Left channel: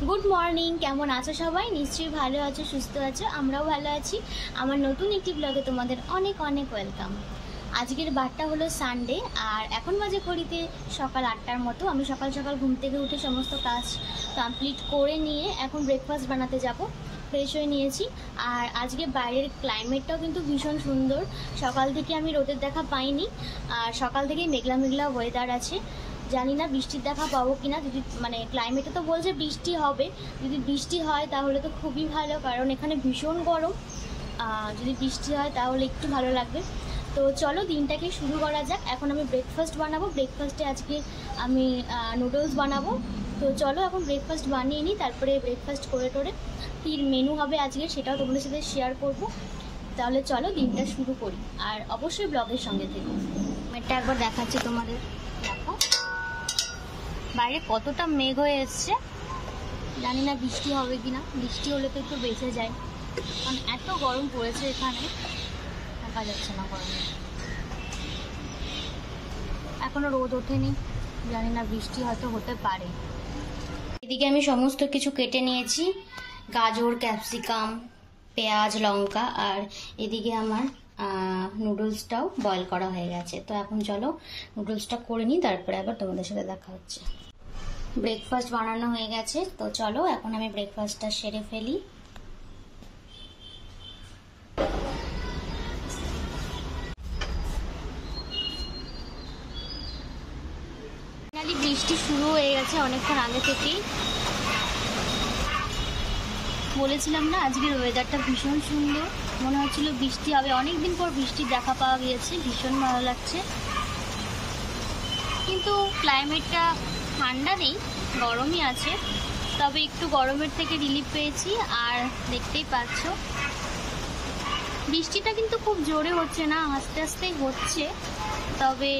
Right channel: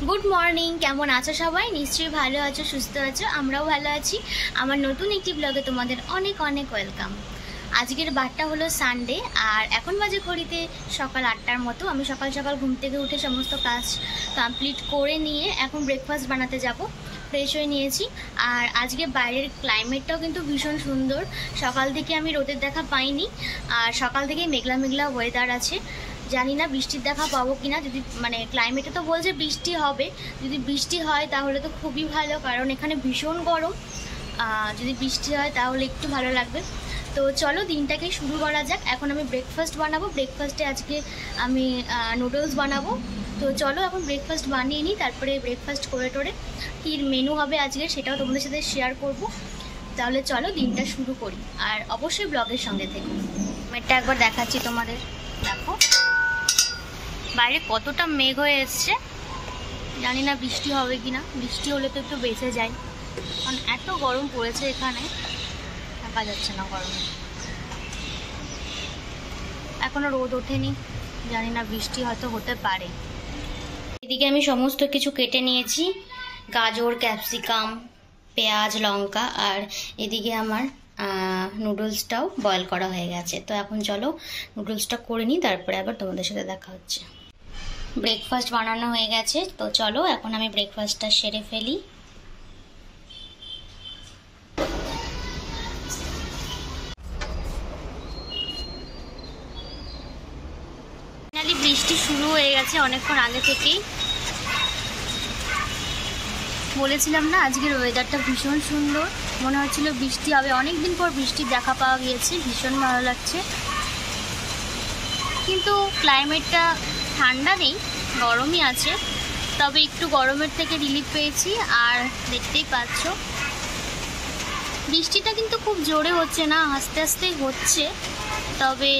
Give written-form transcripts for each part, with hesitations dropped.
Good morning केमन आছো सबाई निश्चयই ভালো আছো সুস্থ আছো আমরাও ভালো আছি। আমার নতুন একটি ব্লগে তোমাদের অনেক অনেক ওয়েলকাম। আজকের বারটা হলো সানডে আর এখন বাজে ঘড়িতে সকাল 8টার মতো। আমি সকাল সকাল ঘুম থেকে উঠে সমস্ত কাজ কমপ্লিট করে নিয়ে এখন ব্রেকফাস্ট বানাতে যাব। ফ্রেশ হয়ে নিয়েছি আর আজকে বাইরের ক্লাইমেটটাও কিন্তু ভীষণ সুন্দর। সকাল থেকে আমি রোদের দেখা পাইনি আর সকাল থেকে মেঘলা মেঘলা ওয়েদার আছে। জানি না বৃষ্টির দেখা পাবো কিনা, যদি মানে ক্লাইমেটে তো বলছে বৃষ্টি হবে, যদি বৃষ্টি হয় তাহলে তো খুবই ভালো, কারণ এখানে ভীষণ গরম। যদি বৃষ্টি হয় তাহলে একটু ভালো লাগবে। তো চলো দিনটাকে শুরু করা যাক। এখন আমি ব্রেকফাস্ট বানাবো। ব্রেকফাস্টে আজকে আমি নুডলস বানাবো। তো চলো এখন ব্রেকফাস্ট বানিয়ে নিই, তারপরে ব্রেকফাস্ট করে টোরে কী মেনু হবে আজকে সেটাও তোমাদের সাথে শেয়ার করব। তাহলে চলো দিনটা শুরু করি আর অবশ্যই ব্লগের সঙ্গে থেকো। এটা একবার দেখাচ্ছি তোমাদের, দেখো বাইরে কতটা মেঘ হয়ে এসছে। জানি না বৃষ্টি হবে কি না, বৃষ্টি হলে তো একটু বেঁচে যায়, কারণ এত গরম পড়েছে এখানে, থাকা যাচ্ছে না গরমে। এখনো রোদ ওঠেনি, জানি না বৃষ্টি হয়তো হতে পারে। এদিকে আমি সমস্ত কিছু কেটে নিয়েছি, গাজর, ক্যাপসিকাম, পেঁয়াজ, লঙ্কা, আর এদিকে আমার নুডলসটাও বয়েল করা হয়ে গেছে। তো এখন চলো নুডলসটা করে নিই, তারপরে আবার তোমাদের সাথে দেখা হচ্ছে। ব্রেকফাস্ট বানানো হয়ে গেছে, তো চলো এখন আমি ব্রেকফাস্টটা সেরে ফেলি। ফাইনালি বৃষ্টি শুরু হয়ে গেছে অনেকক্ষণ আগে থেকেই। বলেছিলাম না আজকের ওয়েদারটা ভীষণ সুন্দর, মনে হচ্ছিল বৃষ্টি হবে। অনেকদিন পর বৃষ্টির দেখা পাওয়া গিয়েছে, ভীষণ ভালো লাগছে। কিন্তু ক্লাইমেটটা ঠান্ডা নেই, গরমই আছে, তবে একটু গরমের থেকে রিলিফ পেয়েছি। আর দেখতেই পাচ্ছ বৃষ্টিটা কিন্তু খুব জোরে হচ্ছে না, আস্তে আস্তেই হচ্ছে, তবে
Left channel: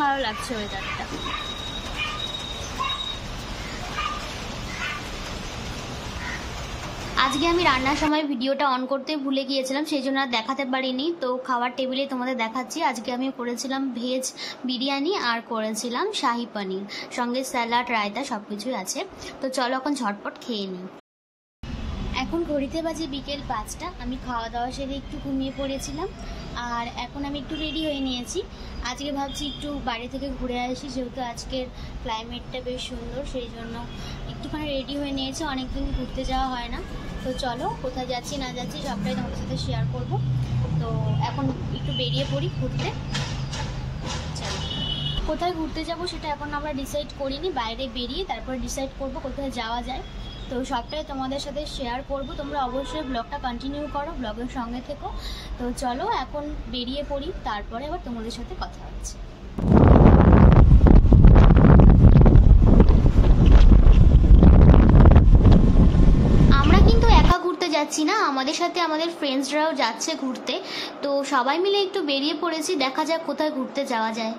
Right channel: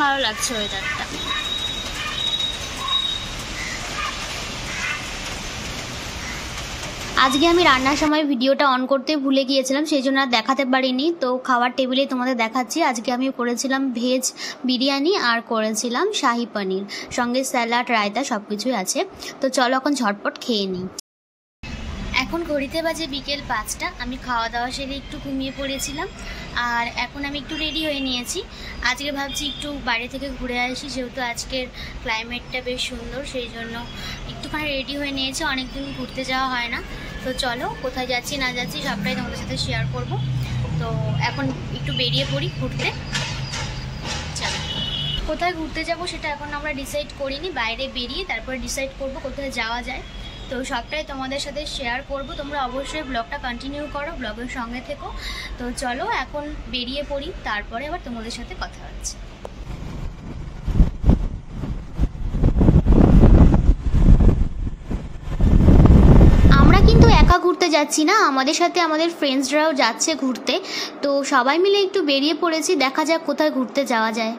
ভালো লাগছে ওয়েদারটা। আজকে আমি রান্নার সময় ভিডিওটা অন করতে ভুলে গিয়েছিলাম, সেই জন্য আর দেখাতে পারিনি। তো খাওয়ার টেবিলে তোমাদের দেখাচ্ছি। আজকে আমি করেছিলাম ভেজ বিরিয়ানি আর করেছিলাম শাহি পনির, সঙ্গে স্যালাড, রায়তা সব কিছুই আছে। তো চলো এখন ঝটপট খেয়ে নিই। এখন ঘড়িতে বাজে বিকেল 5টা। আমি খাওয়া দাওয়া সেরে একটু ঘুমিয়ে পড়েছিলাম আর এখন আমি একটু রেডি হয়ে নিয়েছি। আজকে ভাবছি একটু বাইরে থেকে ঘুরে আসি, যেহেতু আজকের ক্লাইমেটটা বেশ সুন্দর, সেই জন্য একটুখানি রেডি হয়ে নিয়েছি। অনেকদিন ঘুরতে যাওয়া হয় না। তো চলো কোথায় যাচ্ছি না যাচ্ছি সবটাই তোমাদের সাথে শেয়ার করব। তো এখন একটু বেরিয়ে পড়ি ঘুরতে। চলো কোথায় ঘুরতে যাব সেটা এখন আমরা ডিসাইড করিনি, বাইরে বেরিয়ে তারপরে ডিসাইড করব কোথায় যাওয়া যায়। তো সবটাই তোমাদের সাথে শেয়ার করব, তোমরা অবশ্যই ব্লগটা কন্টিনিউ করো, ব্লগের সঙ্গে থেকো। তো চলো এখন বেরিয়ে পড়ি, তারপরে আবার তোমাদের সাথে কথা হচ্ছে। আমরা কিন্তু একা ঘুরতে যাচ্ছি না, আমাদের সাথে আমাদের ফ্রেন্ডসরাও যাচ্ছে ঘুরতে। তো সবাই মিলে একটু বেরিয়ে পড়েছি, দেখা যাক কোথায় ঘুরতে যাওয়া যায়।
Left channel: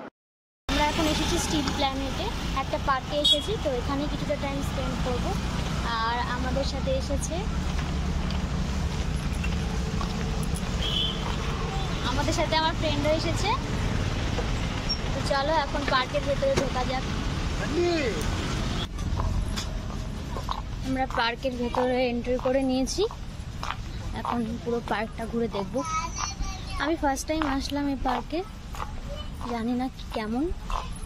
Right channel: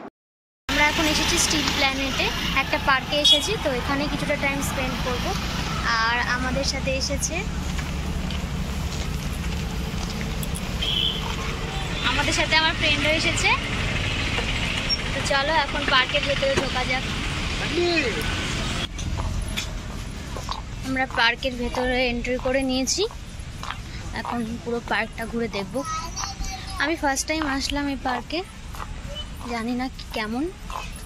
আমরা এখন এসেছি স্টিল প্ল্যানেটে, একটা পার্কে এসেছি। তো এখানে কিছুটা টাইম স্পেন্ড করব। আর আমাদের সাথে এসেছে আমার ফ্রেন্ডও এসেছে। তো চলো এখন পার্কের ভেতরে ঢোকা যাক। আমরা পার্কের ভেতরে এন্ট্রি করে নিয়েছি, এখন পুরো পার্কটা ঘুরে দেখব। আমি ফার্স্ট টাইম আসলাম এই পার্কে, জানি না কেমন,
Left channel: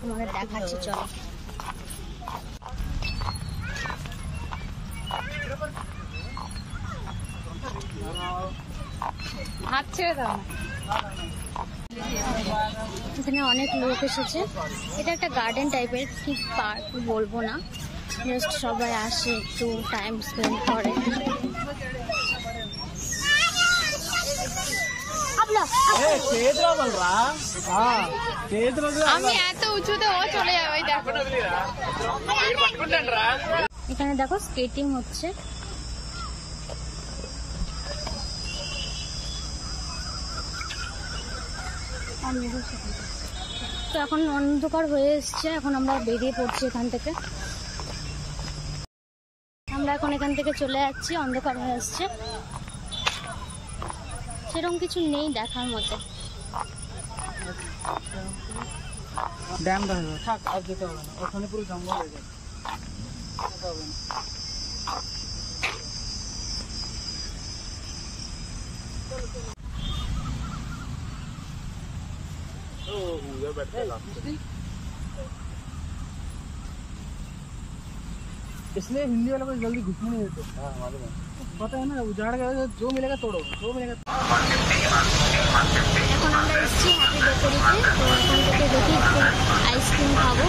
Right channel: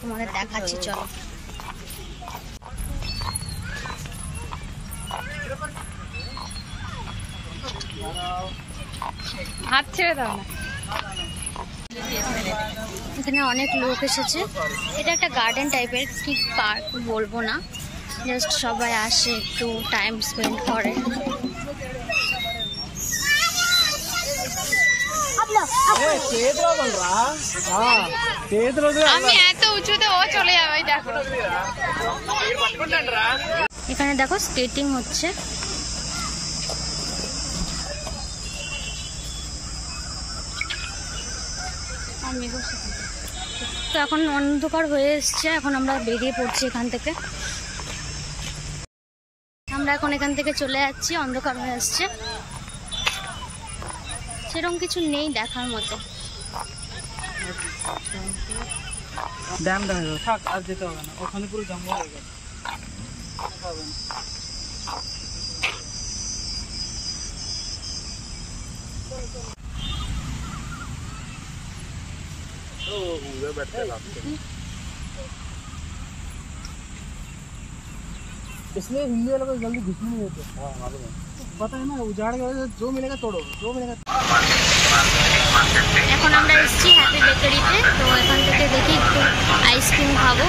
তোমাদের দেখাচ্ছি। চলো এখানে অনেক লোক এসেছে। এটা একটা গার্ডেন টাইপের, কি পার্ক বলবো না, জাস্ট সবাই আসে একটু টাইম স্পেন্ড করে। এখানে দেখো স্কেটিং হচ্ছে। তো এখন অন্ধকার হয়ে এসছে, এখন আমরা বেরিয়ে পড়ছি এখান থেকে। আমরা এখন এখান থেকে চলে যাচ্ছি, অন্ধকার হয়ে আসছে, সেরকম কিছু নেই দেখার মতো। ড্যাম দেখা যাবে, থাক আর যেতে হবে না, ওখানে পুরো জঙ্গল হয়ে গেছে। इसलिए हिंदी वाले को जल्दी घुसने नहीं देते। हाँ मालूम है, पता है ना, उजाड़ गया जो मिलेगा तोड़ो, जो मिलेगा। এখন আমরা এসেছি হ্যাপি বেকারিতে, তো এখান থেকে দেখি একটু আইসক্রিম খাবো।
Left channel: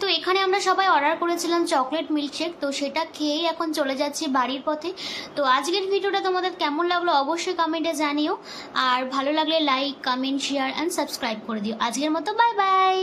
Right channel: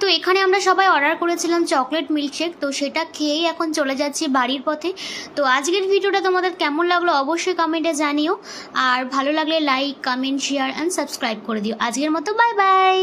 তো এখানে আমরা সবাই অর্ডার করেছিলাম চকলেট মিল্কশেক, তো সেটা খেয়েই এখন চলে যাচ্ছি বাড়ির পথে। তো আজকের ভিডিওটা তোমাদের কেমন লাগলো অবশ্যই কমেন্টে জানিও, আর ভালো লাগলে like, comment, share and subscribe করে দিও। আজকের মতো বাই বাই।